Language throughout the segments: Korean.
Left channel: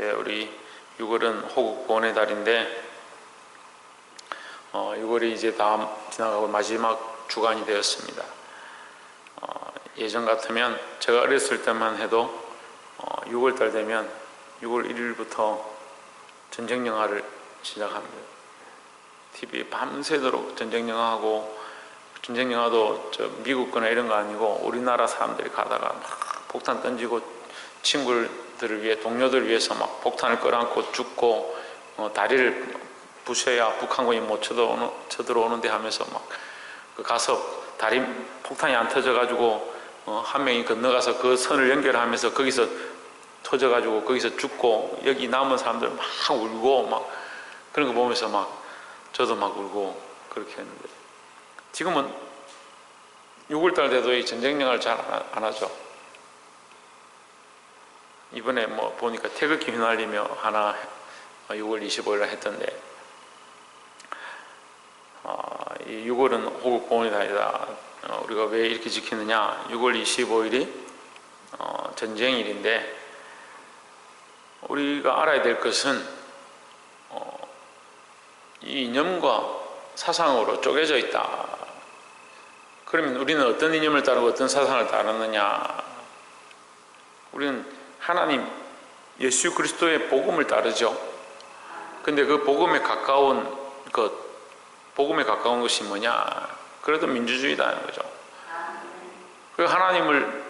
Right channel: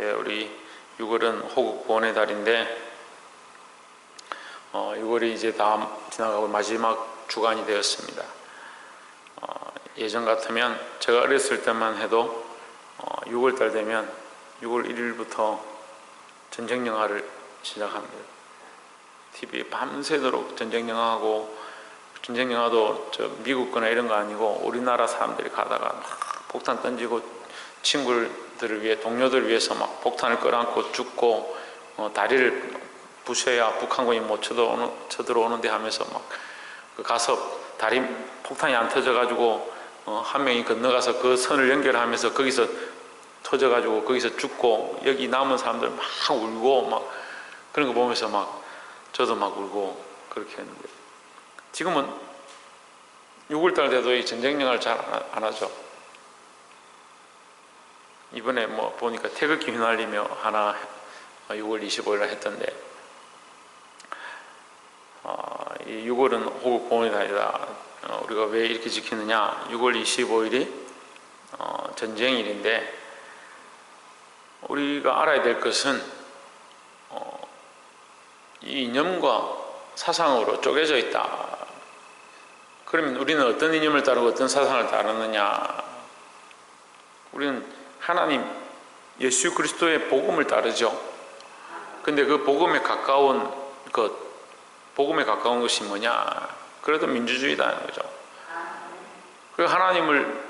우리 6월은 호국 구원의 달인데 6월이 이제 다 지나가고 마지막 주간이 되었습니다. 예전 같으면 제가 어렸을 때만 해도 6월달 되면 6월 1일부터 전쟁 영화를 시작합니다. TV에 밤새도록 전쟁 영화하고, 전쟁 영화도 미국 거나 이런 거 아니고 우리나라 사람들이 가다가 막 폭탄 던지고 친구들을 위해, 동료들을 위해서 막 폭탄을 끌어안고 죽고, 다리를 부셔야 북한군이 못 쳐들어오는데 하면서 막 가서 다리 폭탄이 안 터져가지고 한 명이 건너가서 그 선을 연결하면서 거기서 터져가지고 거기서 죽고, 여기 남은 사람들 막 울고 막 그런 거 보면서 막 저도 막 울고 그렇게 했는데, 지금은 6월달 돼도 이 전쟁 영화를 잘 안 하죠. 이번에 뭐 보니까 태극기 휘날리며 하나 6월 25일날 했던데, 이 6월은 호국 구원의 달이다. 우리가 왜 이렇게 지키느냐? 6월 25일이 전쟁일인데, 우리가 알아야 될 것은 이 이념과 사상으로 쪼개져 있다. 그러면 우리는 어떤 이념을 따르고 어떤 사상을 따르느냐? 우리는 하나님 예수 그리스도의 복음을 따르죠. 근데 그 복음에 가까운 것이 뭐냐? 그래도 민주주의다는 거죠. 그 하나님을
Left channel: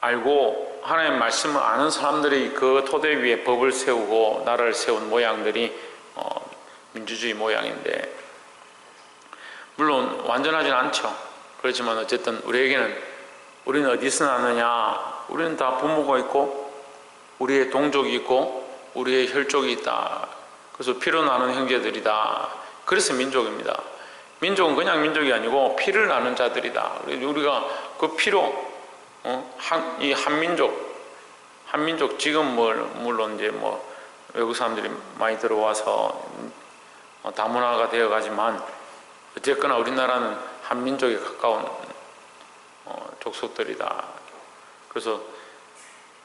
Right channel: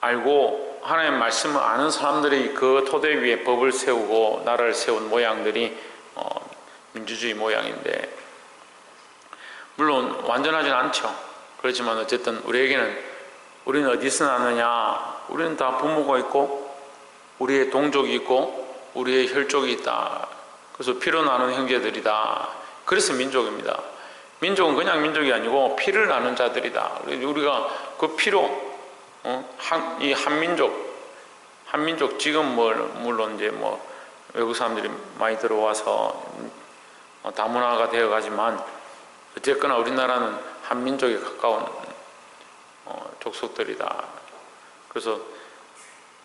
알고 하나님의 말씀을 아는 사람들이 그 토대 위에 법을 세우고 나라를 세운 모양들이 민주주의 모양인데, 물론 완전하진 않죠. 그렇지만 어쨌든 우리는 어디서 나느냐? 우리는 다 부모가 있고 우리의 동족이 있고 우리의 혈족이 있다. 그래서 피로 나눈 형제들이다. 그래서 민족입니다. 민족은 그냥 민족이 아니고 피를 나눈 자들이다. 우리가 그 피로 이 한민족 지금 물론 이제 외국 사람들이 많이 들어와서 다문화가 되어 가지만, 어쨌거나 우리나라는 한민족에 가까운 족속들이다. 그래서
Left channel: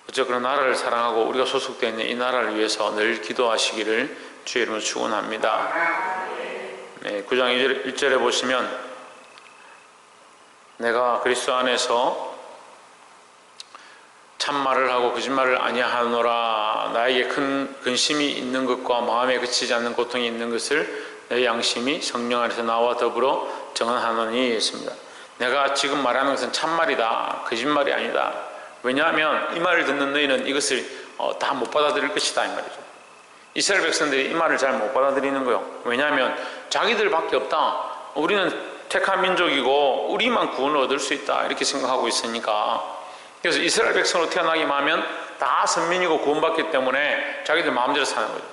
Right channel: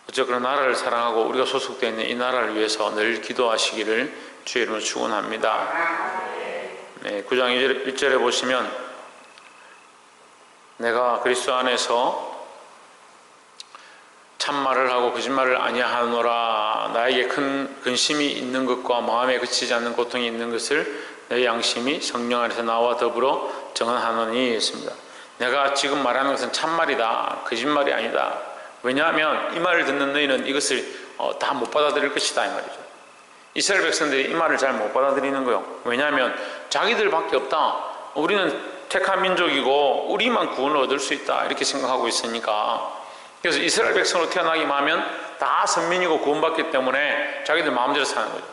어쨌거나 나라를 사랑하고 우리가 소속되어 있는 이 나라를 위해서 늘 기도하시기를 주의 이름으로 축원합니다. 네, 9장 1절에 보시면, 내가 그리스도 안에서 참말을 하고 거짓말을 아니하노라. 나에게 큰 근심이 있는 것과 마음에 그치지 않는 고통이 있는 것을 내 양심이 성령 안에서 나와 더불어 정언하노니 했습니다. 내가 지금 말하는 것은 참말이다. 거짓말이 아니다. 왜냐하면 이 말을 듣는 너희는 이것을 다 못 받아들일 것이다, 이 말이죠. 이스라엘 백성들이 이 말을 잘 못 받아들이는 거예요. 왜냐하면 자기들밖에 없다. 우리는 택한 민족이고 우리만 구원을 얻을 수 있다, 이렇게 생각하고 있으니까. 그래서 이스라엘 백성으로 태어나기만 하면 다 선민이고 구원받기 때문에 자기들 마음대로 사는 거죠.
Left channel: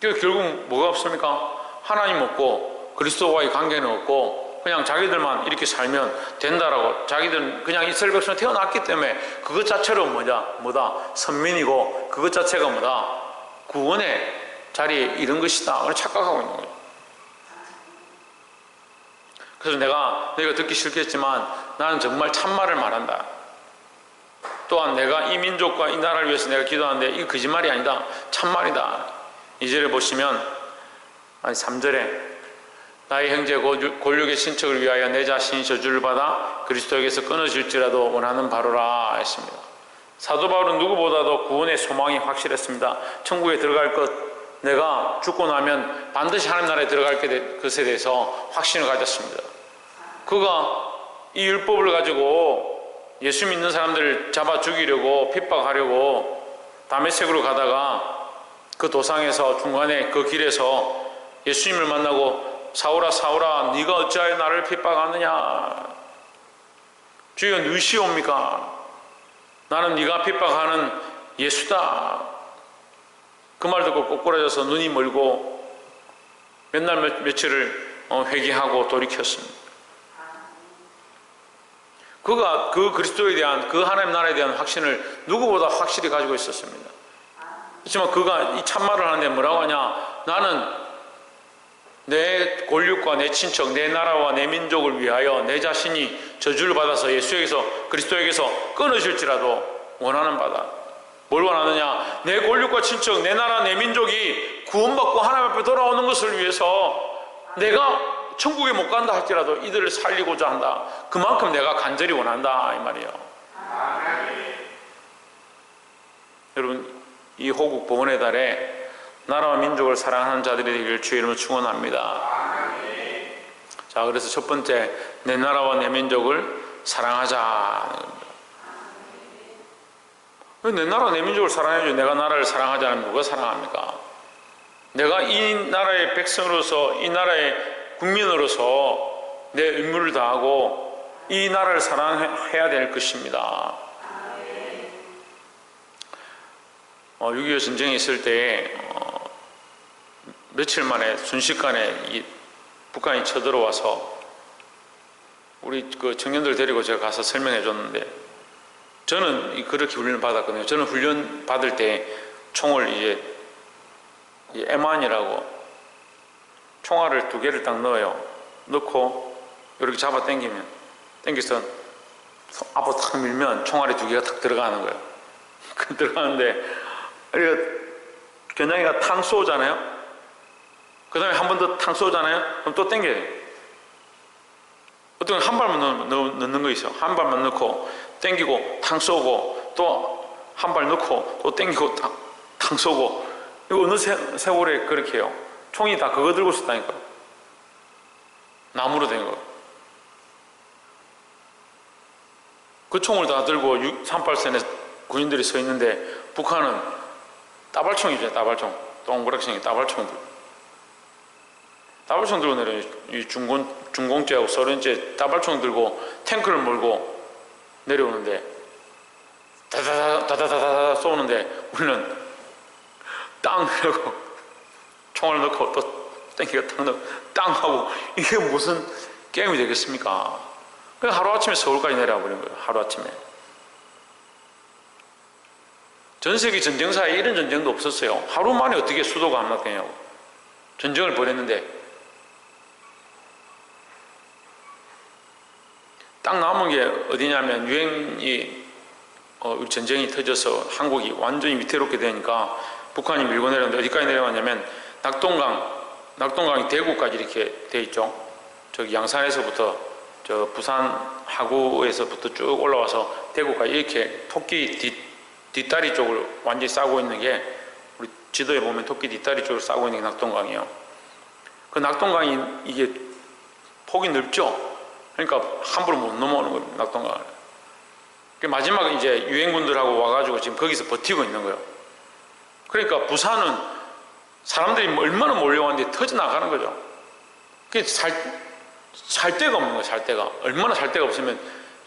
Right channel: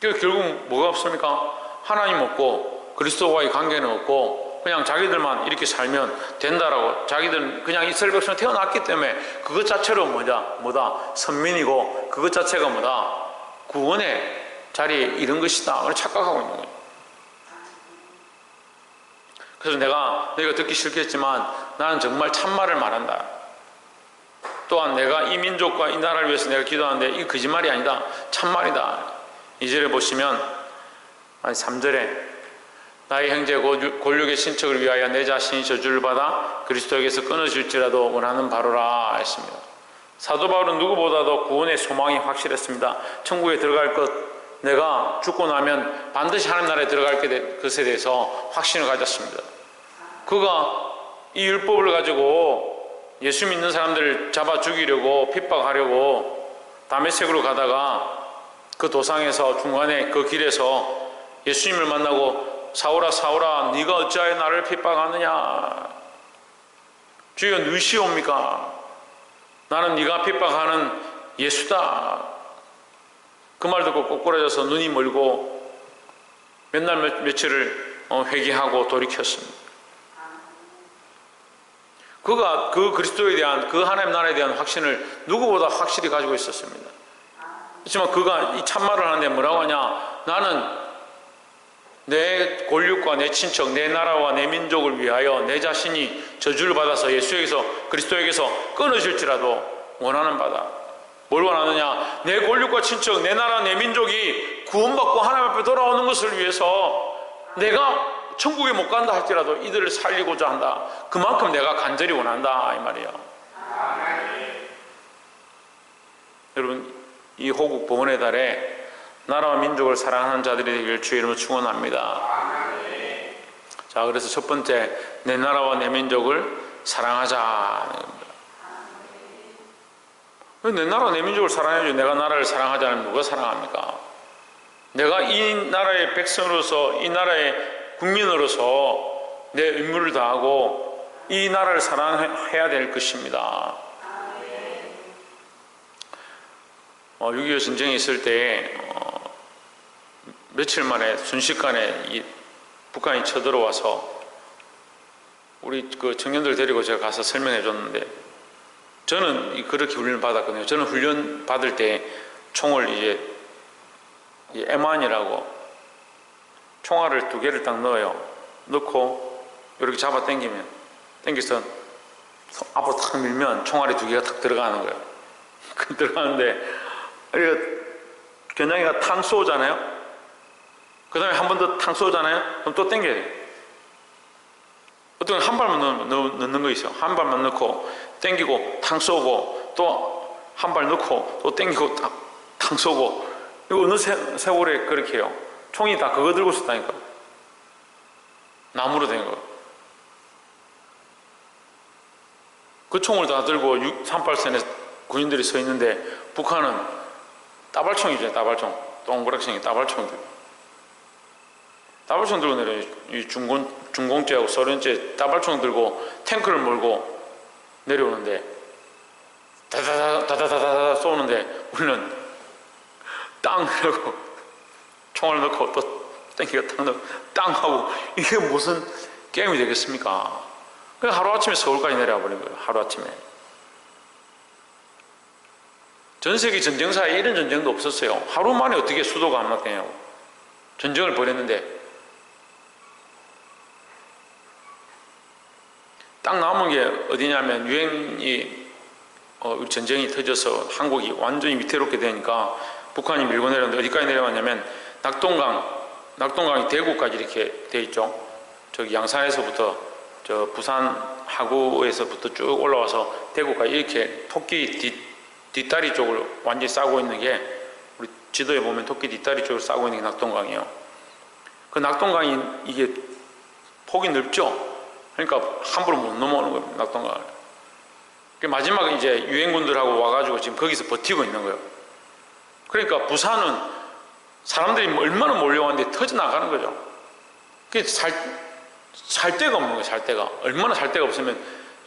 그래서 결국 뭐가 없습니까? 하나님 없고 그리스도와의 관계는 없고 그냥 자기들만 이렇게 살면 된다라고, 자기들은 그냥 이스라엘 백성으로 태어났기 때문에 그것 자체로 뭐다? 선민이고 그것 자체가 뭐다? 구원의 자리에 이른 것이다, 착각하고 있는 거예요. 그래서 너희가 듣기 싫겠지만 나는 정말 참말을 말한다. 또한 내가 이 민족과 이 나라를 위해서 내가 기도하는데 이 거짓말이 아니다, 참말이다. 2절에 보시면, 3절에 나의 형제 골육의 친척을 위하여 내 자신이 저주를 받아 그리스도에게서 끊어질지라도 원하는 바로라 했습니다. 사도 바울은 누구보다도 구원의 소망이 확실했습니다. 천국에 들어갈 것, 내가 죽고 나면 반드시 하나님 나라에 들어갈 것에 대해서 확신을 가졌습니다. 그가 이 율법을 가지고 예수 믿는 사람들을 잡아 죽이려고 핍박하려고 다메섹으로 가다가 그 도상에서 중간에 그 길에서 예수님을 만나고, 사울아 사울아 네가 어찌하여 나를 핍박하느냐? 주여 누구시옵니까? 나는 네가 핍박하는 예수다. 그 말 듣고 꼬꾸라져서 눈이 멀고 몇 날 며칠을 회개하고 돌이켰습니다. 그가 그 그리스도에 대한, 그 하나님 나라에 대한 확신을 누구보다 확실히 가지고 있었습니다. 그렇지만 그가 이 참말을 하는데 뭐라고 하냐? 나는 내 골육과 내 친척, 내 나라와 내 민족을 위하여 내 자신이 저주를 받아서 예수에게서, 그리스도에게서 끊어질지라도 원하는 바다. 뭘 원하느냐? 내 권력과 친척, 내 나라, 내 민족이 구원받고 하나님 앞에 돌아오는 것을 위해서 내가 천국에 못 간다 할지라도 이들을 살리고자 한다. 그만큼 내가 간절히 원한다 이 말이에요. 여러분, 이 호국 복원의 달에 나라와 민족을 사랑하는 자들이 되기를 주의 이름으로 축원합니다. 자, 그래서 첫 번째, 내 나라와 내 민족을 사랑하자. 내 나라 내 민족을 사랑해야죠. 내가 나라를 사랑하지 않으면 누가 사랑합니까? 내가 이 나라의 백성으로서, 이 나라의 국민으로서 내 의무를 다하고 이 나라를 사랑해야 될 것입니다. 6.25 전쟁이 있을 때 며칠 만에 순식간에 이 북한이 쳐들어와서 우리 그 청년들 데리고 제가 가서 설명해 줬는데, 저는 그렇게 훈련을 받았거든요. 저는 훈련 받을 때 총을 이제 M1이라고 총알을 2개를 딱 넣어요. 넣고 이렇게 잡아 당겨서 앞으로 탁 밀면 총알이 2개가 탁 들어가는 거예요. 들어가는데 우리가 겨냥이가 탕 쏘잖아요. 그 다음에 한 번 더 탕 쏘잖아요. 그럼 또 당겨야 돼요. 어떤 한 발만 넣는 거 있어. 한 발만 넣고 당기고 탕 쏘고 또 한 발 넣고 또 당기고 탕 쏘고. 이거 어느 세월에 그렇게 해요. 총이 다 그거 들고 있었다니까. 나무로 된 거. 그 총을 다 들고 38선에 군인들이 서 있는데 북한은 따발총이죠. 따발총. 동그랗게 따발총 들고. 따발총 들고 내려요. 이 중공제하고 소련제 따발총 들고 탱크를 몰고 내려오는데 다다다다다다다 쏘는데 우리는 땅 하고 총을 넣고 또 땡기가 땅 하고, 이게 무슨 게임이 되겠습니까? 그냥 하루아침에 서울까지 내려와 버린 거예요. 하루아침에. 전 세계 전쟁사에 이런 전쟁도 없었어요. 하루 만에 어떻게 수도가 함락되냐고. 전쟁을 벌였는데 딱 남은 게 어디냐면, 유엔이 전쟁이 터져서 한국이 완전히 위태롭게 되니까 북한이 밀고 내렸는데 어디까지 내려왔냐면 낙동강이 대구까지 이렇게 돼 있죠. 저기 양산에서부터 저 부산 하구에서부터 쭉 올라와서 대구까지 이렇게 토끼 뒷다리 쪽을 완전히 싸고 있는 게, 우리 지도에 보면 토끼 뒷다리 쪽을 싸고 있는 게 낙동강이에요. 그 낙동강이 이게 폭이 넓죠. 그러니까 함부로 못 넘어오는 거예요, 낙동강을. 마지막에 이제 유엔군들하고 와가지고 지금 거기서 버티고 있는 거예요. 그러니까 부산은 사람들이 얼마나 몰려왔는데 터져나가는 거죠. 그게 살 데가 없는 거예요, 살 데가. 얼마나 살 데가 없으면,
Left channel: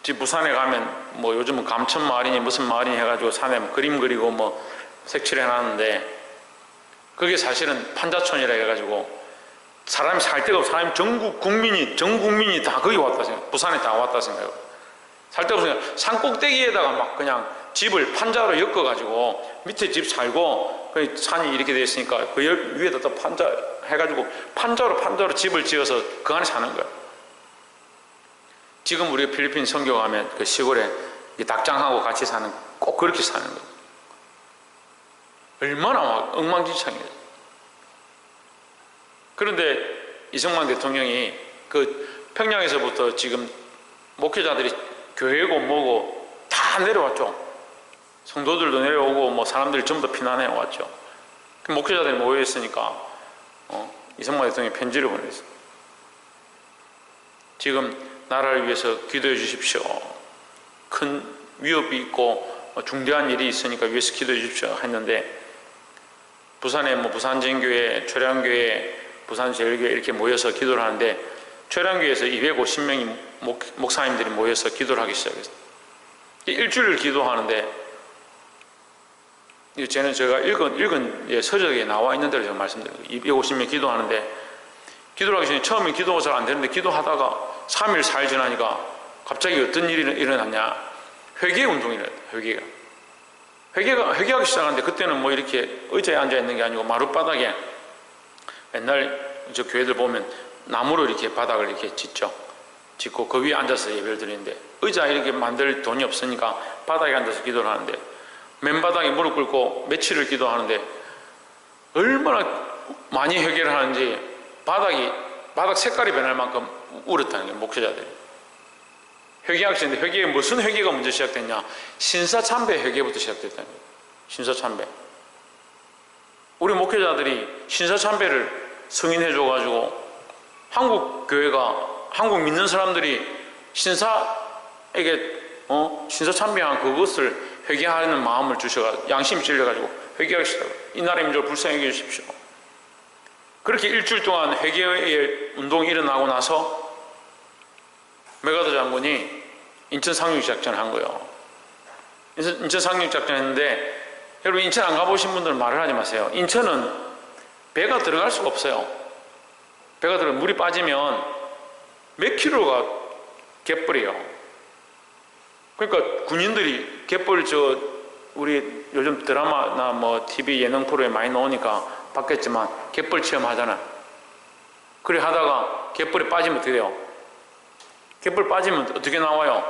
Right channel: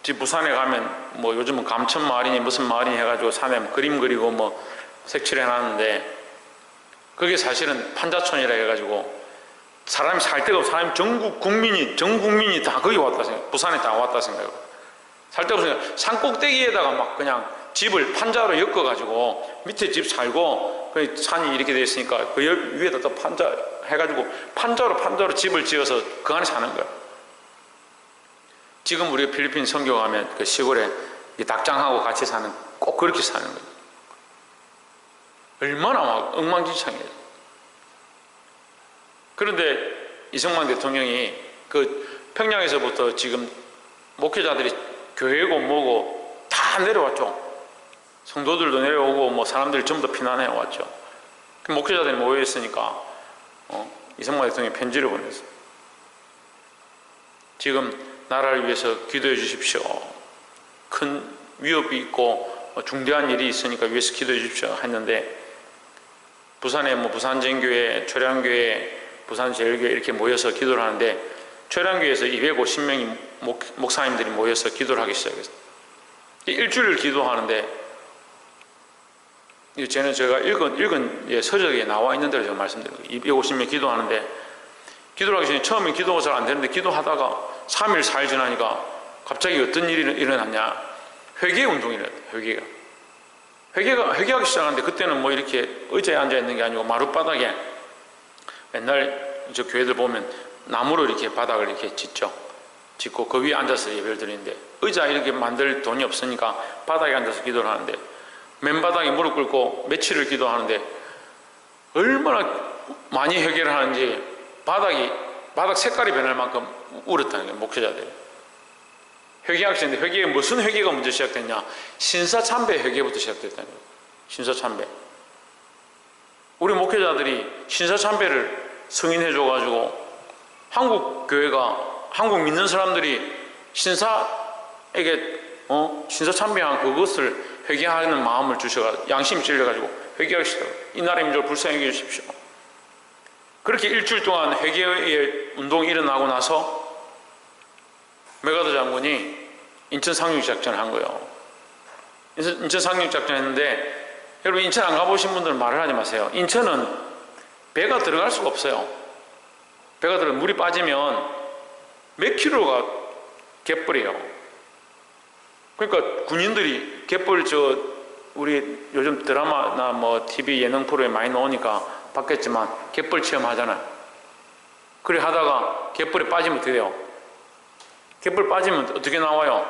지금 부산에 가면 뭐 요즘은 감천 마을이니 무슨 마을이니 해가지고 산에 뭐 그림 그리고 뭐 색칠해 놨는데, 그게 사실은 판자촌이라 해가지고 사람이 살 데가 없어. 사람이 전 국민이 다 거기 왔다 생각, 부산에 다 왔다 생각해요. 살 데가 없으니까 산 꼭대기에다가 막 그냥 집을 판자로 엮어가지고 밑에 집 살고, 그 산이 이렇게 되어 있으니까 그 위에다 또 판자 해가지고 판자로 집을 지어서 그 안에 사는 거예요. 지금 우리가 필리핀 선교 가면 그 시골에 닭장하고 같이 사는, 꼭 그렇게 사는 거예요. 얼마나 막 엉망진창이에요. 그런데 이승만 대통령이 그 평양에서부터 지금 목회자들이 교회고 뭐고 다 내려왔죠. 성도들도 내려오고 뭐 사람들이 전부 다 피난해 왔죠. 그 목회자들이 모여 있으니까 이승만 대통령이 편지를 보냈어요. 지금 나라를 위해서 기도해 주십시오. 큰 위협이 있고 중대한 일이 있으니까 위해서 기도해 주십시오 했는데, 부산에 뭐 부산전교회, 초량교회, 부산제일교회 이렇게 모여서 기도를 하는데, 초량교회에서 250명이 목사님들이 모여서 기도를 하기 시작했어요. 일주일을 기도하는데, 쟤는 제가 읽은 서적에 나와 있는 대로 제가 말씀드려요. 250명 기도하는데, 기도를 하기 전에 처음에 기도가 잘 안 되는데, 기도하다가 3일, 4일 지나니까 갑자기 어떤 일이 일어났냐. 회개 운동이래요. 회개하기 시작하는데, 그때는 뭐 이렇게 의자에 앉아 있는 게 아니고 마룻바닥에, 옛날 저 교회들 보면 나무로 이렇게 바닥을 이렇게 짓고 그 위에 앉아서 예배를 드리는데, 의자 이렇게 만들 돈이 없으니까 바닥에 앉아서 기도를 하는데, 맨바닥에 무릎 꿇고 며칠을 기도하는데 얼마나 많이 회개를 하는지 바닥 색깔이 변할 만큼 울었다는 거예요. 목회자들이. 회개학생인데 회개에 무슨 회개가 먼저 시작됐냐? 신사참배 회개부터 시작됐다는 거예요. 신사참배. 우리 목회자들이 신사참배를 승인해줘가지고 한국 교회가, 한국 믿는 사람들이 신사에게 신사참배한 그것을 회개하는 마음을 주셔가지고 양심이 찔려가지고 회개하시더라고요. 이 나라의 민족을 불쌍히 여기십시오. 그렇게 일주일 동안 회개의 운동이 일어나고 나서 메가더 장군이 인천 상륙작전을 한 거예요. 인천 상륙작전 했는데, 여러분 인천 안 가보신 분들은 말을 하지 마세요. 인천은 배가 들어갈 수가 없어요. 배가 들어 물이 빠지면 몇 킬로가 갯벌이에요. 그러니까 군인들이 갯벌 우리 요즘 드라마나 뭐 TV 예능 프로에 많이 나오니까 봤겠지만 갯벌 체험하잖아요. 그래 하다가 갯벌에 빠지면 어떻게 돼요? 갯벌 빠지면 어떻게 나와요?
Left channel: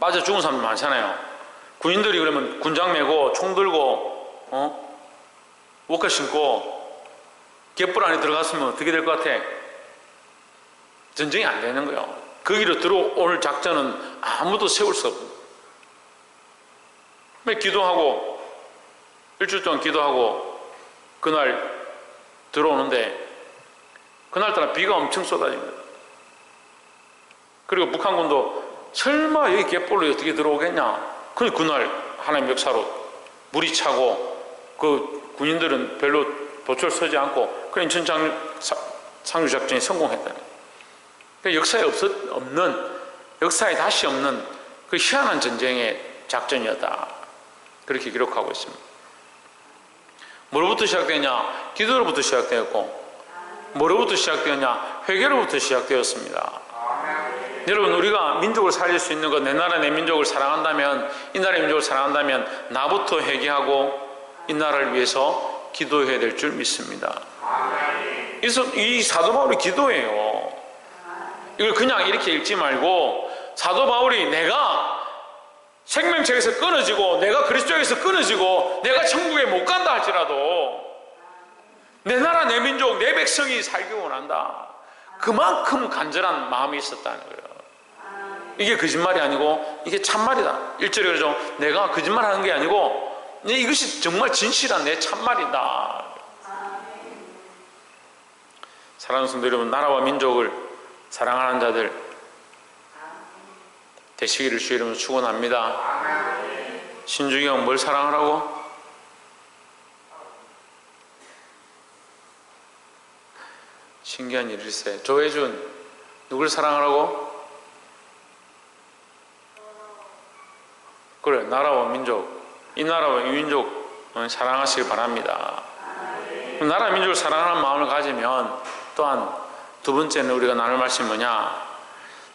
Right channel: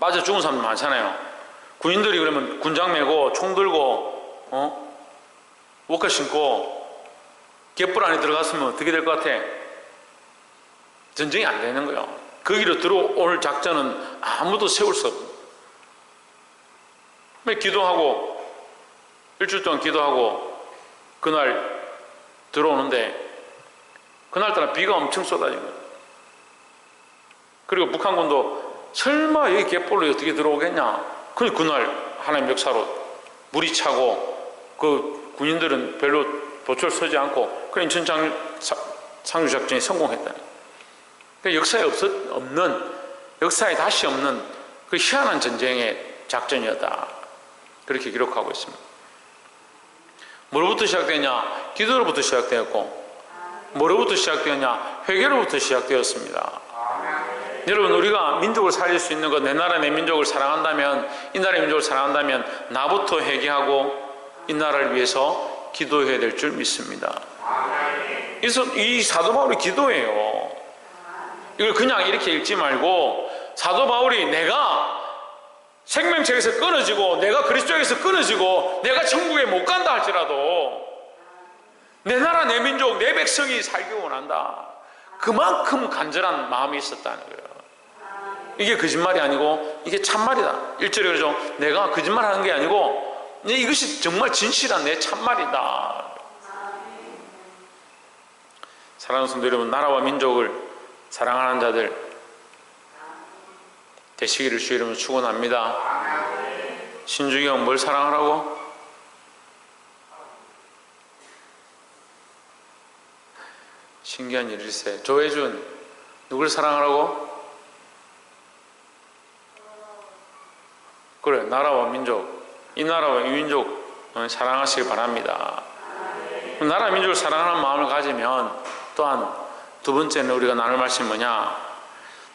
빠져 죽은 사람들 많잖아요. 군인들이 그러면 군장 메고 총 들고 워커 신고 갯벌 안에 들어갔으면 어떻게 될 것 같아? 전쟁이 안 되는 거예요. 거기로 들어올 작전은 아무도 세울 수 없어요. 기도하고 일주일 동안 기도하고 그날 들어오는데 그날따라 비가 엄청 쏟아진 거예요. 그리고 북한군도 설마 여기 갯벌로 어떻게 들어오겠냐. 그래서 그날 하나님 역사로 물이 차고 그 군인들은 별로 도철 서지 않고 그 인천 상륙작전이 성공했다는 거예요. 역사에 다시 없는 그 희한한 전쟁의 작전이었다. 그렇게 기록하고 있습니다. 뭐로부터 시작되냐? 기도로부터 시작되었고, 뭐로부터 시작되었냐? 회개로부터 시작되었습니다. 여러분, 우리가 민족을 살릴 수 있는 것, 내 나라 내 민족을 사랑한다면, 이 나라의 민족을 사랑한다면 나부터 회개하고 이 나라를 위해서 기도해야 될 줄 믿습니다. 이 사도 바울이 기도해요. 이걸 그냥 이렇게 읽지 말고 사도 바울이 내가 생명책에서 끊어지고 내가 그리스도에서 끊어지고 내가 천국에 못 간다 할지라도 내 나라 내 민족 내 백성이 살기 원한다. 그만큼 간절한 마음이 있었다는 거예요. 이게 거짓말이 아니고 이게 참말이다. 1절에 그러죠. 내가 거짓말하는 게 아니고 이것이 정말 진실한 내 참말이다. 사랑하는 성도 여러분, 나라와 민족을 사랑하는 자들 되시기를 주의 이름으로 축원합니다. 신중이 형 뭘 사랑하라고? 신기한 일일세. 조혜준 누굴 사랑하라고? 그래, 나라와 민족, 이 나라와 이 민족 사랑하시길 바랍니다. 나라 민족을 사랑하는 마음을 가지면 또한 두 번째는 우리가 나눌 말씀이 뭐냐?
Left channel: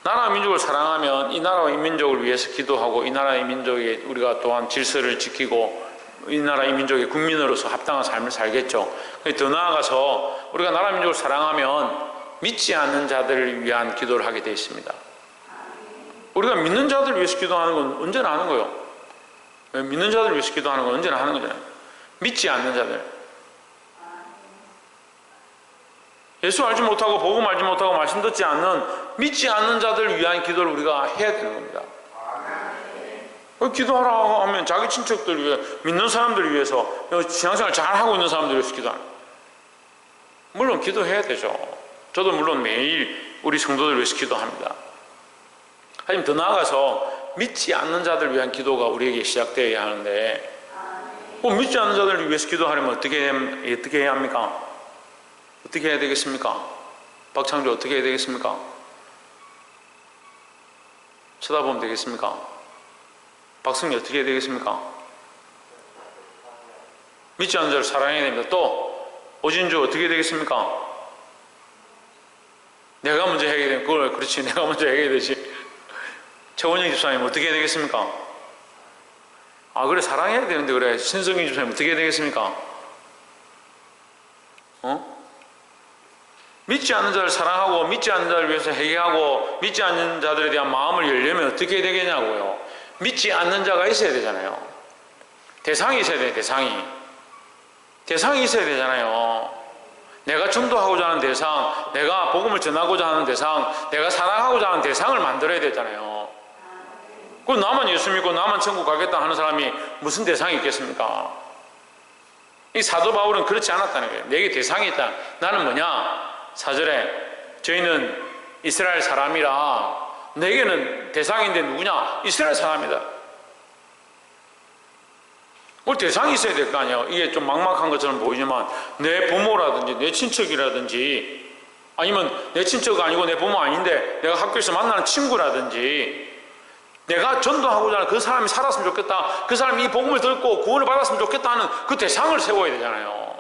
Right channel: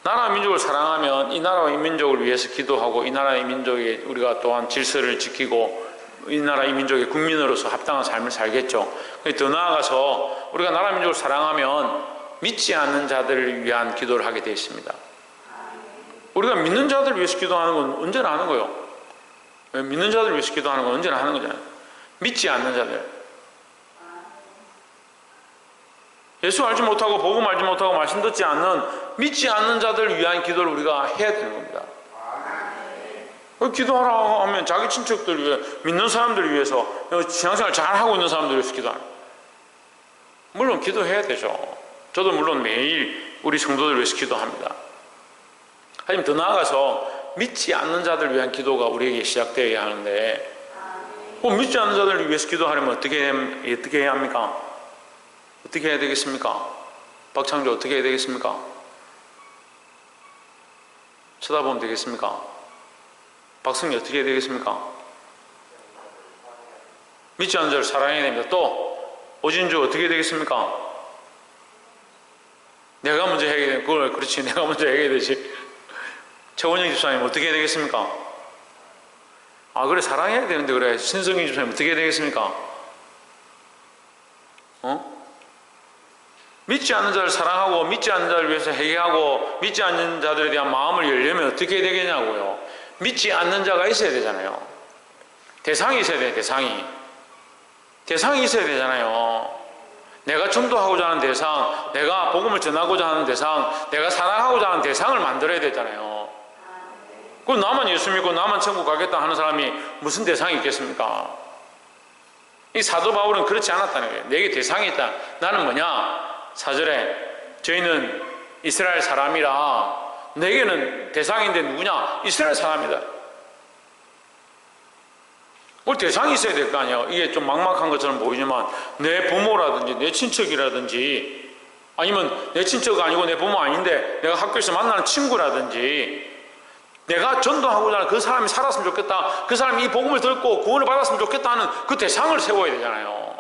나라 민족을 사랑하면 이 나라와 이 민족을 위해서 기도하고 이 나라 이 민족의 우리가 또한 질서를 지키고 이 나라 이 민족의 국민으로서 합당한 삶을 살겠죠. 더 나아가서 우리가 나라 민족을 사랑하면 믿지 않는 자들을 위한 기도를 하게 되어 있습니다. 우리가 믿는 자들을 위해서 기도하는 건 언제나 하는 거예요. 믿는 자들을 위해서 기도하는 건 언제나 하는 거잖아요. 믿지 않는 자들, 예수 알지 못하고 복음 알지 못하고 말씀 듣지 않는 믿지 않는 자들을 위한 기도를 우리가 해야 되는 겁니다. 기도하라고 하면 자기 친척들 위해, 믿는 사람들을 위해서, 신앙생활 잘하고 있는 사람들을 위해서 기도하는, 물론 기도해야 되죠. 저도 물론 매일 우리 성도들을 위해서 기도합니다. 하지만 더 나아가서 믿지 않는 자들을 위한 기도가 우리에게 시작되어야 하는데, 믿지 않는 자들을 위해서 기도하려면 어떻게 해야 합니까? 어떻게 해야 되겠습니까? 박창조 어떻게 해야 되겠습니까? 쳐다보면 되겠습니까? 박승희 어떻게 해야 되겠습니까? 믿지 않는 자를 사랑해야 됩니다. 또 오진주 어떻게 해야 되겠습니까? 내가 먼저 해야 되는 그걸 그렇지 내가 먼저 해야 되지. 최원영 집사님 어떻게 해야 되겠습니까? 그래 사랑해야 되는데 그래 신성희 집사님 어떻게 해야 되겠습니까? 믿지 않는 자를 사랑하고 믿지 않는 자를 위해서 회개하고 믿지 않는 자들에 대한 마음을 열려면 어떻게 해야 되겠냐고요. 믿지 않는 자가 있어야 되잖아요. 대상이 있어야 돼. 대상이 있어야 되잖아요. 내가 전도하고자 하는 대상, 내가 복음을 전하고자 하는 대상, 내가 사랑하고자 하는 대상을 만들어야 되잖아요. 그럼 나만 예수 믿고 나만 천국 가겠다 하는 사람이 무슨 대상이 있겠습니까? 이 사도 바울은 그렇지 않았다는 거예요. 내게 대상이 있다. 나는 뭐냐? 4절에 저희는 이스라엘 사람이라 내게는 대상인데 누구냐? 이스라엘 사람이다. 뭘 대상이 있어야 될 거 아니에요. 이게 좀 막막한 것처럼 보이지만 내 부모라든지 내 친척이라든지 아니면 내 친척 아니고 내 부모 아닌데 내가 학교에서 만나는 친구라든지 내가 전도하고자 하는 그 사람이 살았으면 좋겠다. 그 사람이 이 복음을 듣고 구원을 받았으면 좋겠다 하는 그 대상을 세워야 되잖아요.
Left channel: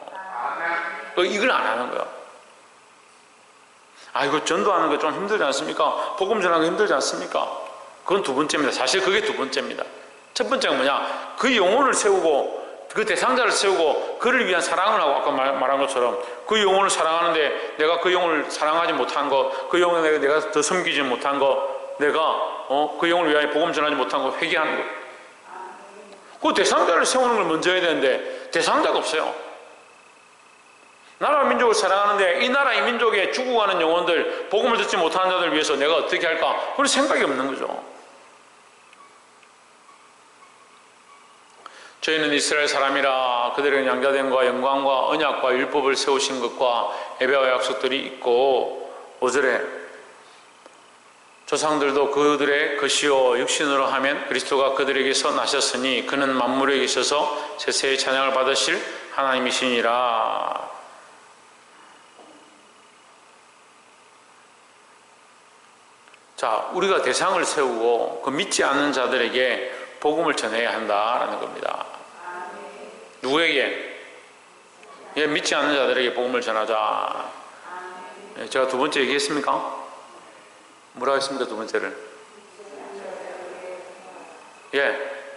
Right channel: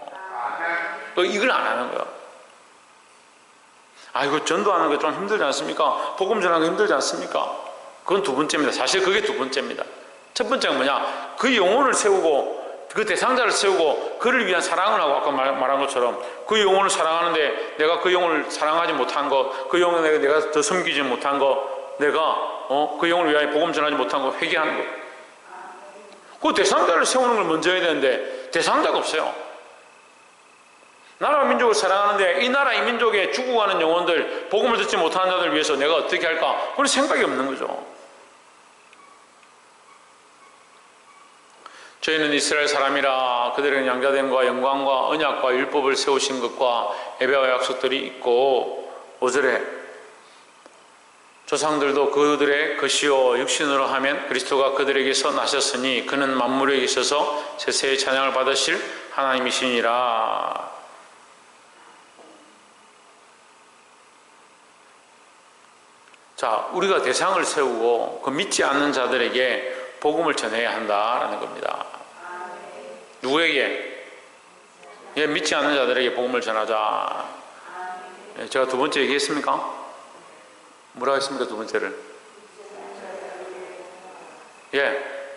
이걸 안 하는 거예요. 이거 전도하는 거 좀 힘들지 않습니까? 복음 전하는 거 힘들지 않습니까? 그건 두 번째입니다. 사실 그게 두 번째입니다. 첫 번째가 뭐냐? 그 영혼을 세우고 그 대상자를 세우고 그를 위한 사랑을 하고 아까 말한 것처럼 그 영혼을 사랑하는데 내가 그 영혼을 사랑하지 못한 거, 그 영혼을 내가 더 섬기지 못한 거, 내가 그 영혼을 위하여 복음 전하지 못한 거 회개하는 거. 그 대상자를 세우는 걸 먼저 해야 되는데 대상자가 없어요. 나라와 민족을 사랑하는데 이 나라 이 민족에 죽어가는 영혼들, 복음을 듣지 못하는 자들 위해서 내가 어떻게 할까? 그런 생각이 없는 거죠. 저희는 이스라엘 사람이라 그들에게 양자됨과 영광과 언약과 율법을 세우신 것과 예배와 약속들이 있고 5절에 조상들도 그들의 것이요 육신으로 하면 그리스도가 그들에게서 나셨으니 그는 만물에 있어서 세세의 찬양을 받으실 하나님이시니라. 자, 우리가 대상을 세우고 그 믿지 않는 자들에게 복음을 전해야 한다라는 겁니다. 누구에게? 믿지 않는 자들에게 복음을 전하자. 제가 두 번째 얘기했습니까? 뭐라고 했습니까? 두 번째를.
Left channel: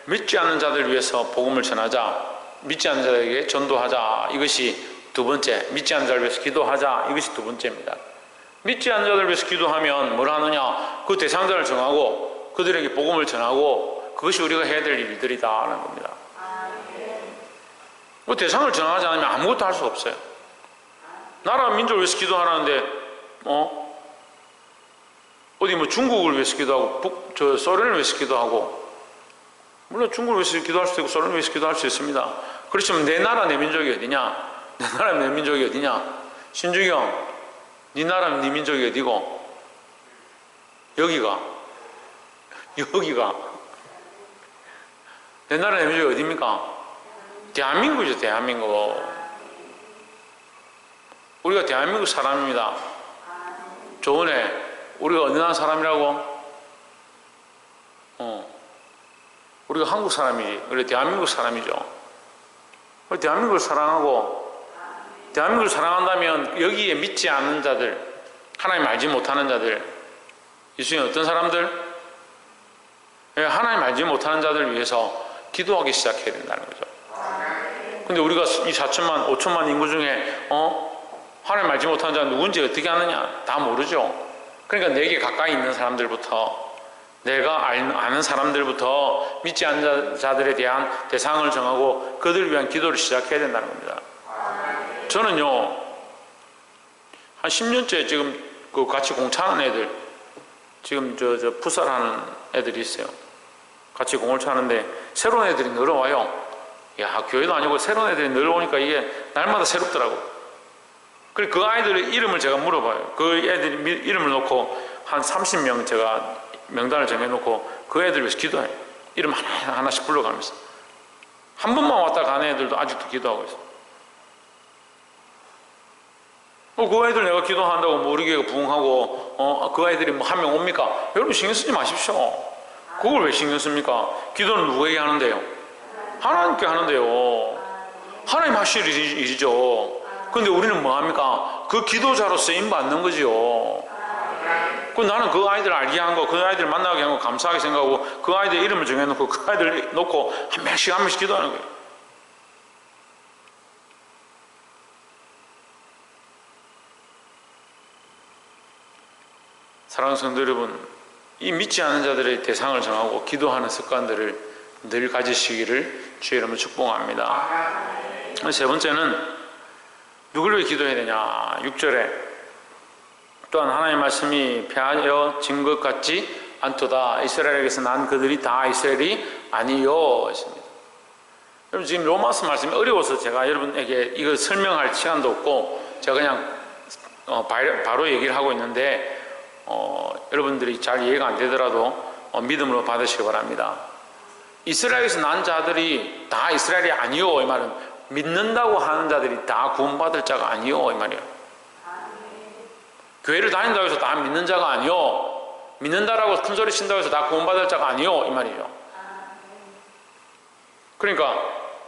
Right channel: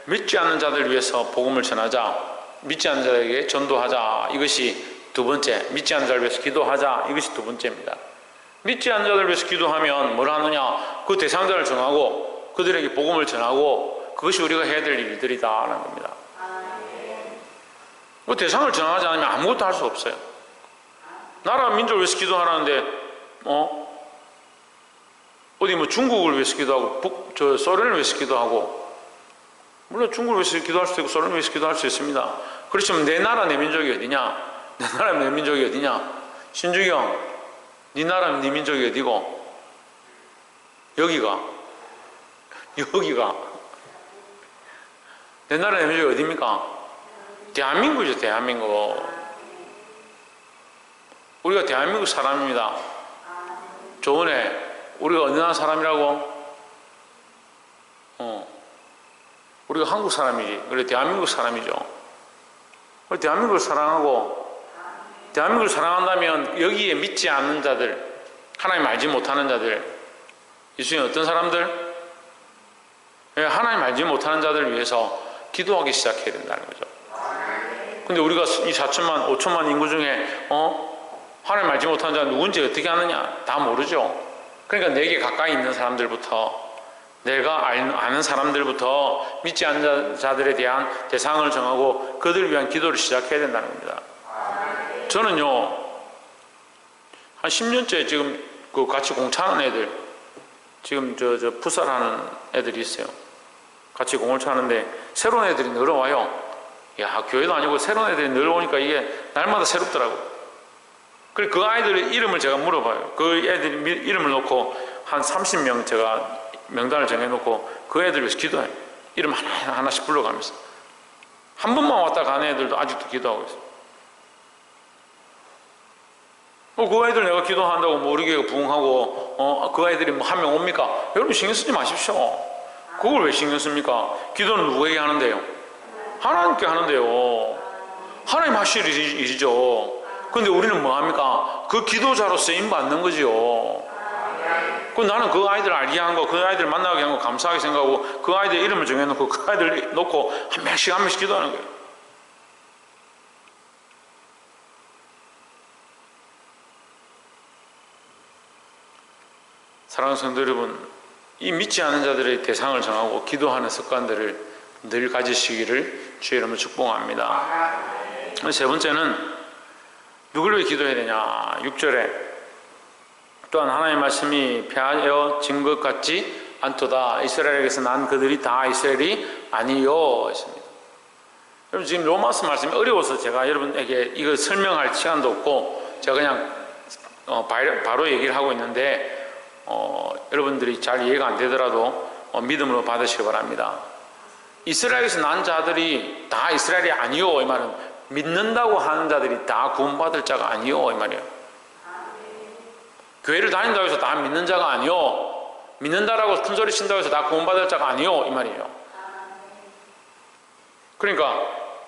믿지 않는 자들 위해서 복음을 전하자. 믿지 않는 자들에게 전도하자. 이것이 두 번째. 믿지 않는 자를 위해서 기도하자. 이것이 두 번째입니다. 믿지 않는 자들 위해서 기도하면 뭘 하느냐? 그 대상자를 정하고 그들에게 복음을 전하고 그것이 우리가 해야 될 일들이다라는 겁니다. 그 대상을 정하지 않으면 아무것도 할 수 없어요. 나라 민족을 위해서 기도하라는데 어디 뭐 중국을 위해서 기도하고 소련을 위해서 기도하고 물론 중국을 위해서 기도할 수도 있고 소련을 위해서 기도할 수 있습니다. 그렇지만 내 나라 내 민족이 어디냐? 내 나라 내 민족이 어디냐? 신주경 네 나라 네 민족이 어디고? 여기가 내 나라 내 민족이 어디입니까? 대한민국이죠. 대한민국. 우리가 대한민국 사람입니다. 저번에 우리가 어느 나라 사람이라고? 우리가 한국 사람이지. 그래 대한민국 사람이죠. 대한민국을 사랑하고 대한민국을 사랑한다면 여기에 믿지 않는 자들, 하나님 알지 못하는 자들, 이 중에 어떤 사람들? 하나님 알지 못하는 자들을 위해서 기도하기 시작해야 된다는 거죠. 근데 우리가 이 4천만, 5천만 인구 중에 하나님 알지 못하는 자가 누군지 어떻게 아느냐? 다 모르죠. 그러니까 내게 가까이 있는 사람들부터, 내가 아는 사람들부터 믿지 않는 자들에 대한 대상을 정하고 그들을 위한 기도를 시작해야 된다는 겁니다. 저는요, 한 10년째 지금 그 같이 공차하는 애들, 지금 저 풋살하는 애들이 있어요. 같이 공을 차는데 새로운 애들이 늘어와요. 야, 교회도 아니고 새로운 애들이 늘어오니까 이게 날마다 새롭더라고. 그래서 그 아이들의 이름을 제가 물어봐요. 그 애들이 이름을 놓고 한 30명 제가 명단을 정해놓고 그 애들 위해서 기도해요. 이름 하나씩 불러가면서. 한 번만 왔다 가는 애들도 아직도 기도하고 있어요. 그 아이들 내가 기도한다고 뭐 우리 교회가 부흥하고 그 아이들이 뭐 한 명 옵니까? 여러분 신경 쓰지 마십시오. 그걸 왜 신경 씁니까? 기도는 누구에게 하는데요? 하나님께 하는데요. 하나님 하실 일이죠. 근데 우리는 뭐 합니까? 그 기도자로 쓰임 받는 거지요. 그 나는 그 아이들 알게 한 거, 그 아이들 만나게 한 거 감사하게 생각하고 그 아이들 이름을 정해놓고 그 아이들 놓고 한 명씩 기도하는 거예요. 사랑하는 성도 여러분, 이 믿지 않는 자들의 대상을 정하고 기도하는 습관들을 늘 가지시기를 주의 이름으로 축복합니다. 세 번째는 누구를 위해 기도해야 되냐? 6절에 또한 하나님의 말씀이 폐하여진 것 같지 않도다. 이스라엘에게서 난 그들이 다 이스라엘이 아니요 했습니다. 여러분 지금 로마서 말씀이 어려워서 제가 여러분에게 이거 설명할 시간도 없고 제가 그냥 바로 얘기를 하고 있는데 여러분들이 잘 이해가 안 되더라도 믿음으로 받으시기 바랍니다. 이스라엘에서 난 자들이 다 이스라엘이 아니요 이 말은 믿는다고 하는 자들이 다 구원받을 자가 아니요 이 말이에요. 교회를 다닌다고 해서 다 믿는 자가 아니요, 믿는다라고 큰소리 친다고 해서 다 구원받을 자가 아니요 이 말이죠. 그러니까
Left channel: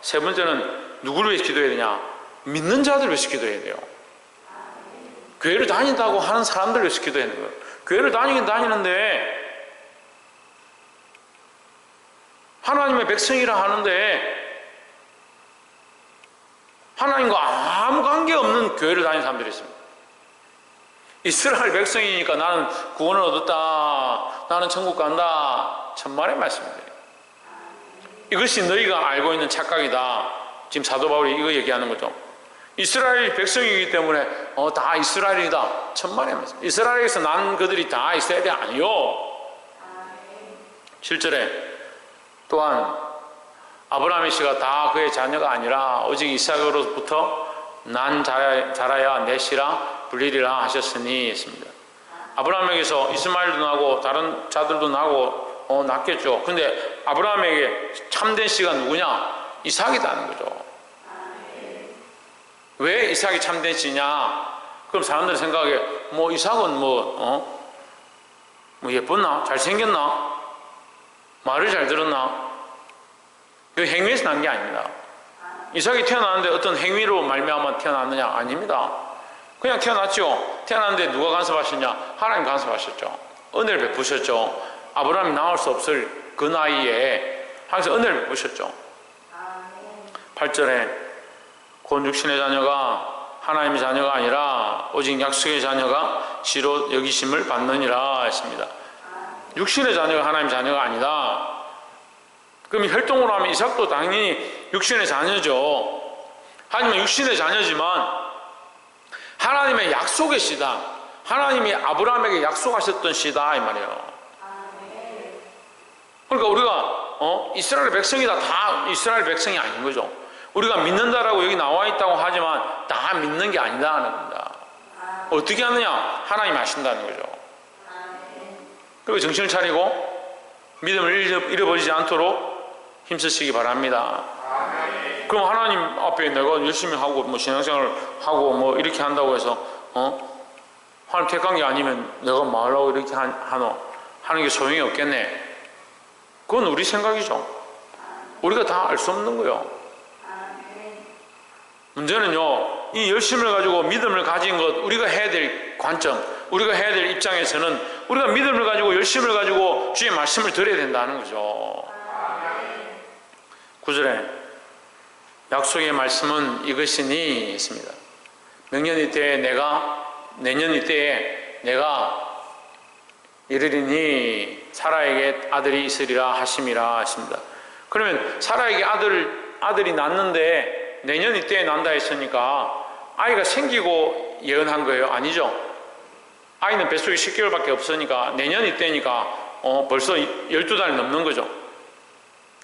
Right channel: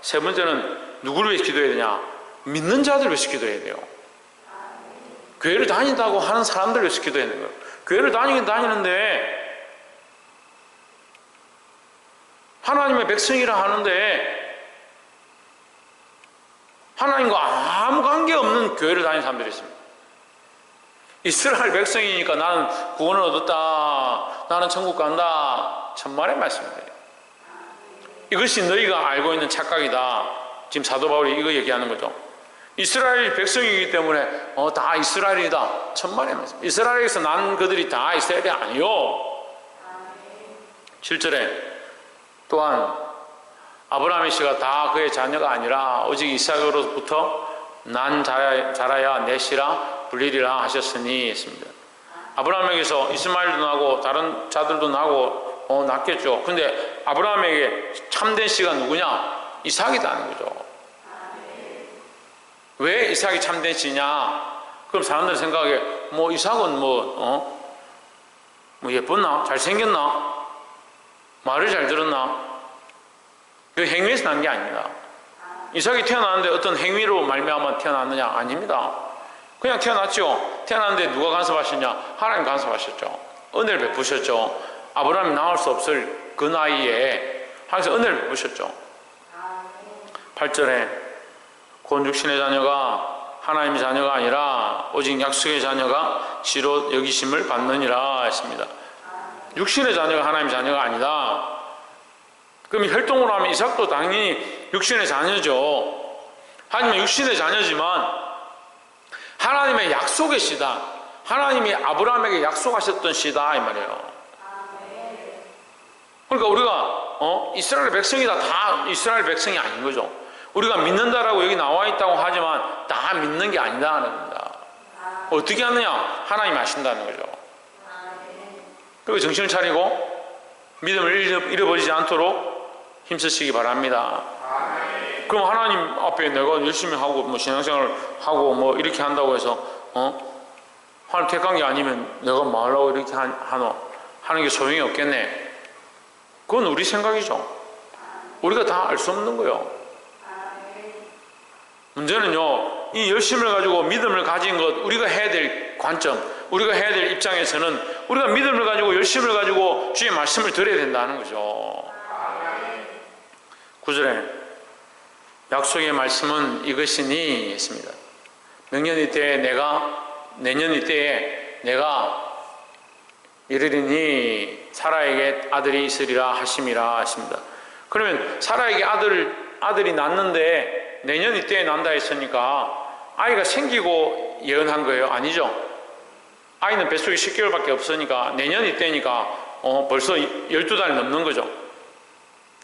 세 번째는 누구를 위해서 기도해야 되냐? 믿는 자들을 위해서 기도해야 돼요. 교회를 다닌다고 하는 사람들을 위해서 기도해야 돼요. 교회를 다니긴 다니는데 하나님의 백성이라 하는데 하나님과 아무 관계없는 교회를 다니는 사람들이 있습니다. 이스라엘 백성이니까 나는 구원을 얻었다, 나는 천국 간다, 천만의 말씀입니다. 이것이 너희가 알고 있는 착각이다. 지금 사도 바울이 이거 얘기하는 거죠. 이스라엘 백성이기 때문에 다 이스라엘이다, 천만의 말씀. 이스라엘에서 난 그들이 다 이스라엘이 아니요. 7절에 또한 아브라함의 씨가 다 그의 자녀가 아니라 오직 이삭으로부터 난 자라야 내 씨라 불리리라 하셨으니 했습니다. 아브라함에게서 이스마엘도 나고 다른 자들도 나고 낳겠죠. 근데 아브라함에게 참된 씨가 누구냐? 이삭이다는 거죠. 왜 이삭이 참된 씨냐? 그럼 사람들 생각에 이삭은 뭐 예뻤나? 잘생겼나? 말을 잘 들었나? 그 행위에서 난 게 아닙니다. 이삭이 태어났는데 어떤 행위로 말미암아 태어났느냐? 아닙니다. 그냥 태어났죠. 태어났는데 누가 간섭하셨냐? 하나님 간섭하셨죠. 은혜를 베푸셨죠. 아브라함이 나올 수 없을 그 나이에 하나님께서 은혜를 베푸셨죠. 8절에 곧 육신의 자녀가 하나님의 자녀가 아니라 오직 약속의 자녀가 씨로 여기심을 받느니라 했습니다. 육신의 자녀가 하나님의 자녀가 아니다. 그럼 혈통으로 하면 이삭도 당연히 육신의 자녀죠. 하지만 육신의 자녀지만 하나님의 약속의 씨다. 하나님이 아브라함에게 약속하셨던 씨다 이 말이에요. 그러니까 우리가 이스라엘 백성이다, 다 이스라엘 백성이 아닌 거죠. 우리가 믿는다라고 여기 나와 있다고 하지만 다 믿는 게 아니다는 겁니다. 어떻게 하느냐? 하나님이 아신다는 거죠. 그리고 정신을 차리고 믿음을 잃어버리지 않도록 힘쓰시기 바랍니다. 그럼 하나님 앞에 내가 열심히 하고 신앙생활을 하고 이렇게 한다고 해서 하나님 택한 게 아니면 내가 뭐 하려고 이렇게 하는 게 소용이 없겠네. 그건 우리 생각이죠. 우리가 다 알 수 없는 거예요. 문제는요, 이 열심을 가지고 믿음을 가진 것, 우리가 해야 될 관점, 우리가 해야 될 입장에서는 우리가 믿음을 가지고 열심을 가지고 주의 말씀을 들어야 된다는 거죠. 9절에 약속의 말씀은 이것이니 했습니다. 내년 이때에 내가 이르리니 사라에게 아들이 있으리라 하심이라 하십니다. 그러면 사라에게 아들이 낳는데 내년 이때에 난다 했으니까 아이가 생기고 예언한 거예요? 아니죠. 아이는 뱃속에 10개월밖에 없으니까 내년 이때니까 벌써 12달이 넘는 거죠.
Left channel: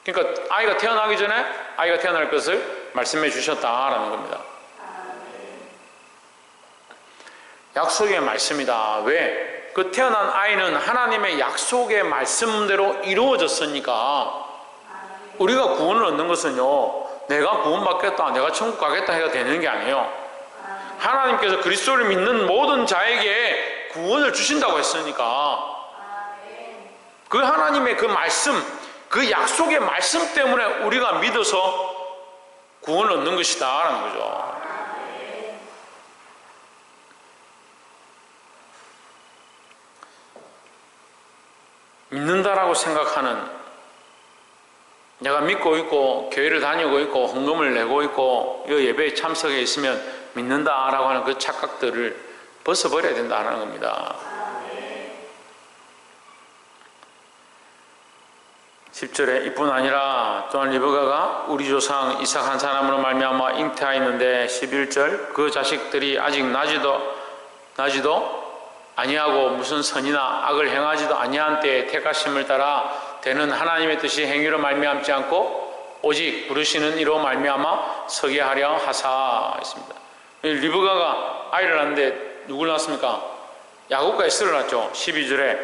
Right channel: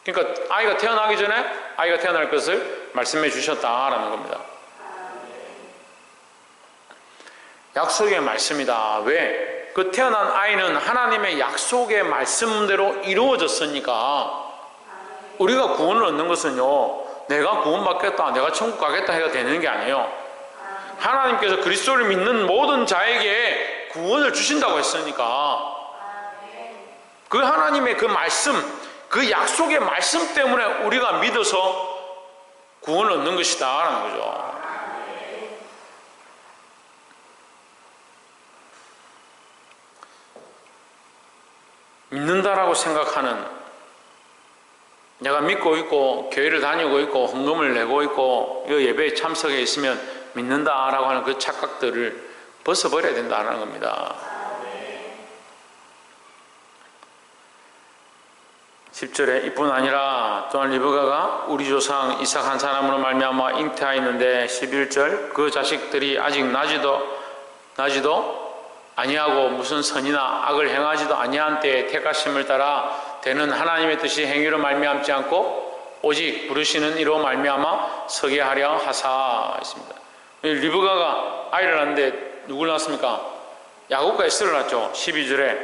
그러니까 아이가 태어나기 전에 아이가 태어날 것을 말씀해 주셨다라는 겁니다. 약속의 말씀이다. 왜? 그 태어난 아이는 하나님의 약속의 말씀대로 이루어졌으니까 우리가 구원을 얻는 것은요, 내가 구원받겠다, 내가 천국 가겠다 해가 되는 게 아니에요. 하나님께서 그리스도를 믿는 모든 자에게 구원을 주신다고 했으니까 그 하나님의 그 말씀, 그 약속의 말씀 때문에 우리가 믿어서 구원을 얻는 것이다 라는 거죠. 믿는다라고 생각하는, 내가 믿고 있고 교회를 다니고 있고 헌금을 내고 있고 이 예배에 참석해 있으면 믿는다라고 하는 그 착각들을 벗어버려야 된다는 겁니다. 10절에 이뿐 아니라 또한 리브가가 우리 조상 이삭 한 사람으로 말미암아 잉태하였는데 11절 그 자식들이 아직 나지도 아니하고 무슨 선이나 악을 행하지도 아니한 때에 택하심을 따라 되는 하나님의 뜻이 행위로 말미암지 않고 오직 부르시는 이로 말미암아 서게 하려 하사 했습니다. 리브가가 아이를 낳는데 누굴 낳았습니까? 야곱과 에스를 낳았죠. 12절에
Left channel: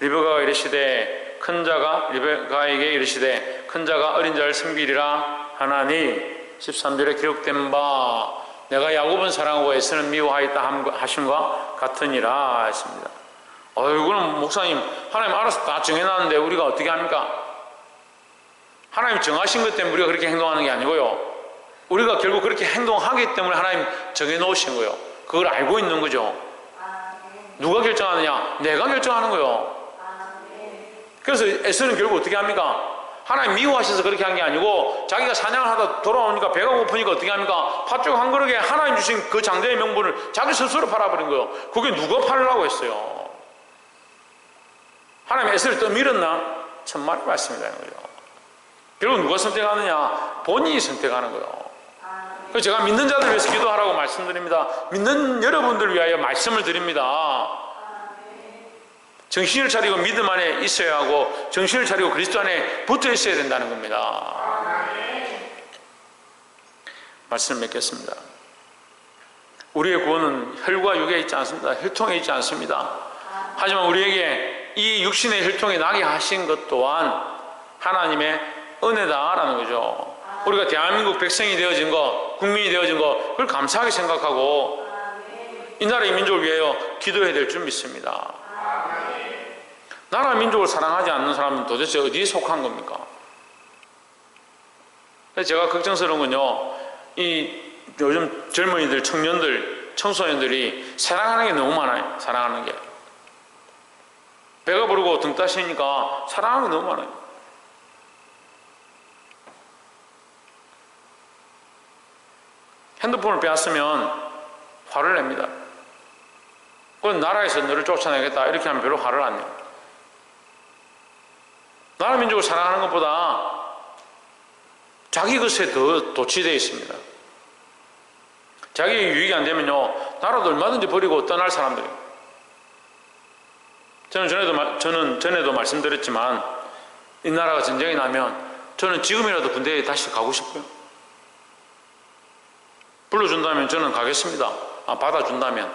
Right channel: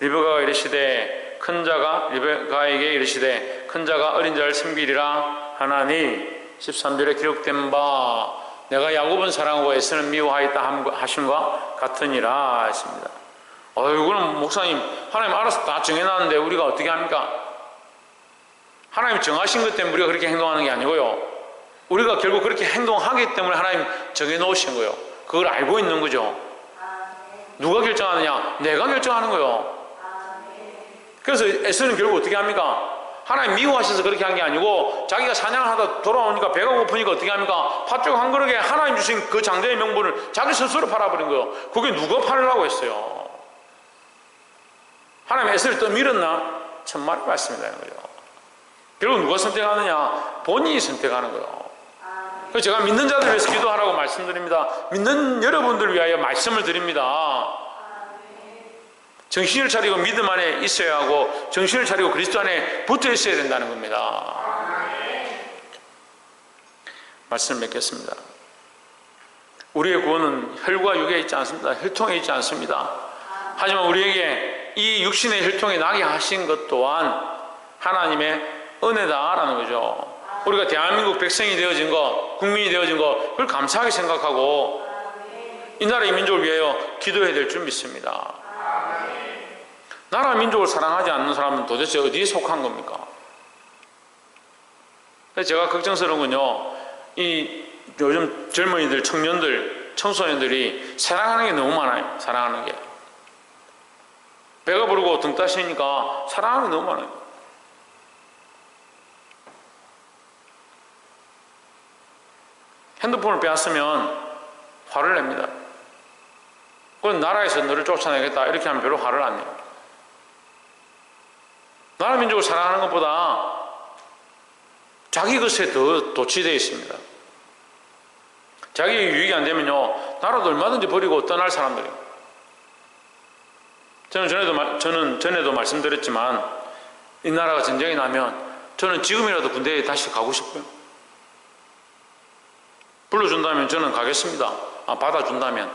리브가가 이르시되 큰 자가 리브가에게 이르시되 큰 자가 어린 자를 섬기리라 하나니 13절에 기록된 바 내가 야곱은 사랑하고 에스는 미워하였다 하심과 같으니라 했습니다. 이거는 목사님 하나님 알아서 다 정해놨는데 우리가 어떻게 합니까? 하나님 정하신 것 때문에 우리가 그렇게 행동하는 게 아니고요. 우리가 결국 그렇게 행동하기 때문에 하나님 정해놓으신 거예요. 그걸 알고 있는 거죠. 누가 결정하느냐? 내가 결정하는 거예요. 그래서 에스는 결국 어떻게 합니까? 하나님 미워하셔서 그렇게 한 게 아니고 자기가 사냥을 하다 돌아오니까 배가 고프니까 어떻게 합니까? 팥죽 한 그릇에 하나님 주신 그 장자의 명분을 자기 스스로 팔아버린 거예요. 그게 누가 팔으라고 했어요? 하나님 에스를 떠밀었나? 천만의 말씀이라는 거죠. 결국 누가 선택하느냐? 본인이 선택하는 거예요. 그래서 제가 믿는 자들 위해서 기도하라고 말씀드립니다. 믿는 여러분들 위하여 말씀을 드립니다. 정신을 차리고 믿음 안에 있어야 하고 정신을 차리고 그리스도 안에 붙어 있어야 된다는 겁니다. 말씀 맺겠습니다. 우리의 구원은 혈과 육에 있지 않습니다. 혈통에 있지 않습니다. 하지만 우리에게 이 육신의 혈통에 나게 하신 것 또한 하나님의 은혜다라는 거죠. 우리가 대한민국 백성이 되어진 것, 국민이 되어진 것, 그걸 감사하게 생각하고 이 나라의 민족을 위하여 기도해야 될 줄 믿습니다. 나라 민족을 사랑하지 않는 사람은 도대체 어디에 속한 겁니까? 제가 걱정스러운 건요, 이 요즘 젊은이들, 청년들, 청소년들이 사랑하는 게 너무 많아요. 사랑하는 게. 배가 부르고 등 따시니까 사랑하는 게 너무 많아요. 핸드폰을 빼앗으면 화를 냅니다. 그건 나라에서 너를 쫓아내겠다 이렇게 하면 별로 화를 안 내요. 나라 민족을 사랑하는 것보다 자기 것에 더 도취되어 있습니다. 자기 유익이 안 되면요, 나라도 얼마든지 버리고 떠날 사람들이에요. 저는 전에도 말씀드렸지만 이 나라가 전쟁이 나면 저는 지금이라도 군대에 다시 가고 싶어요. 불러준다면 저는 가겠습니다. 받아준다면.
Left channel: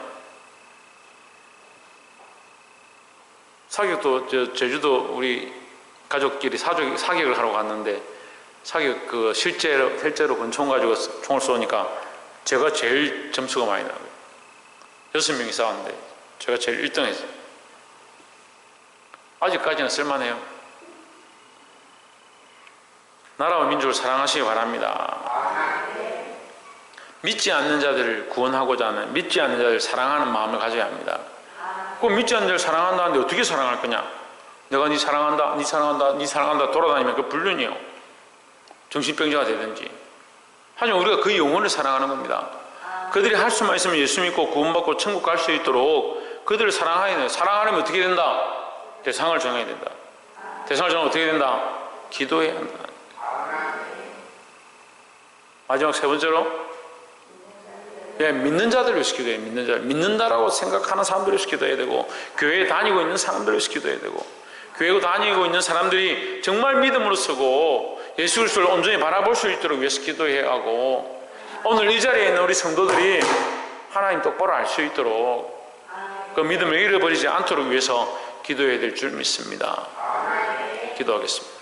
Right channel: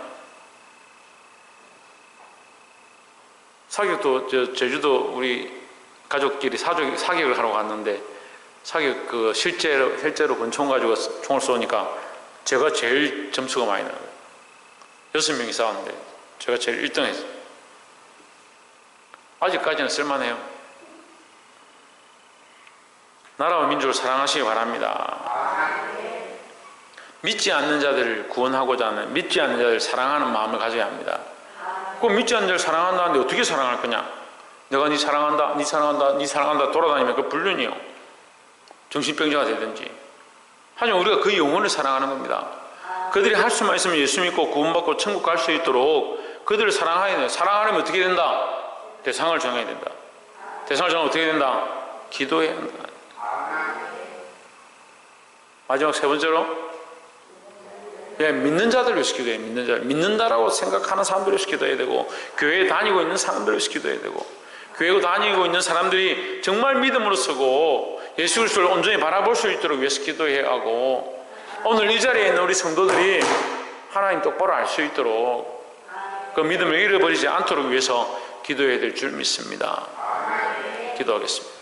사격도 제주도 우리 가족끼리 사격을 하러 갔는데 사격 실제로 권총 가지고 총을 쏘니까 제가 제일 점수가 많이 나요. 6명이 싸웠는데 제가 제일 1등 했어요. 아직까지는 쓸만해요. 나라와 민족을 사랑하시기 바랍니다. 믿지 않는 자들을 구원하고자 하는, 믿지 않는 자들을 사랑하는 마음을 가져야 합니다. 그 믿지 않는 자를 사랑한다는데 어떻게 사랑할 거냐? 내가 네 사랑한다, 네 사랑한다, 네 사랑한다 돌아다니면 그 불륜이요. 정신병자가 되든지. 하지만 우리가 그 영혼을 사랑하는 겁니다. 그들이 할 수만 있으면 예수 믿고 구원받고 천국 갈 수 있도록 그들을 사랑해야 돼요. 사랑하려면 어떻게 된다? 대상을 정해야 된다. 대상을 정하면 어떻게 된다? 기도해야 한다. 마지막 세 번째로 믿는 자들을 위해서 기도해야 믿는 자들. 믿는다라고 생각하는 사람들을 위해서 기도해야 되고 교회에 다니고 있는 사람들을 위해서 기도해야 되고 교회에 다니고 있는 사람들이 정말 믿음으로 서고 예수 그리스도를 온전히 바라볼 수 있도록 위해서 기도해야 하고 오늘 이 자리에 있는 우리 성도들이 하나님 똑바로 알 수 있도록 그 믿음을 잃어버리지 않도록 위해서 기도해야 될 줄 믿습니다. 기도하겠습니다.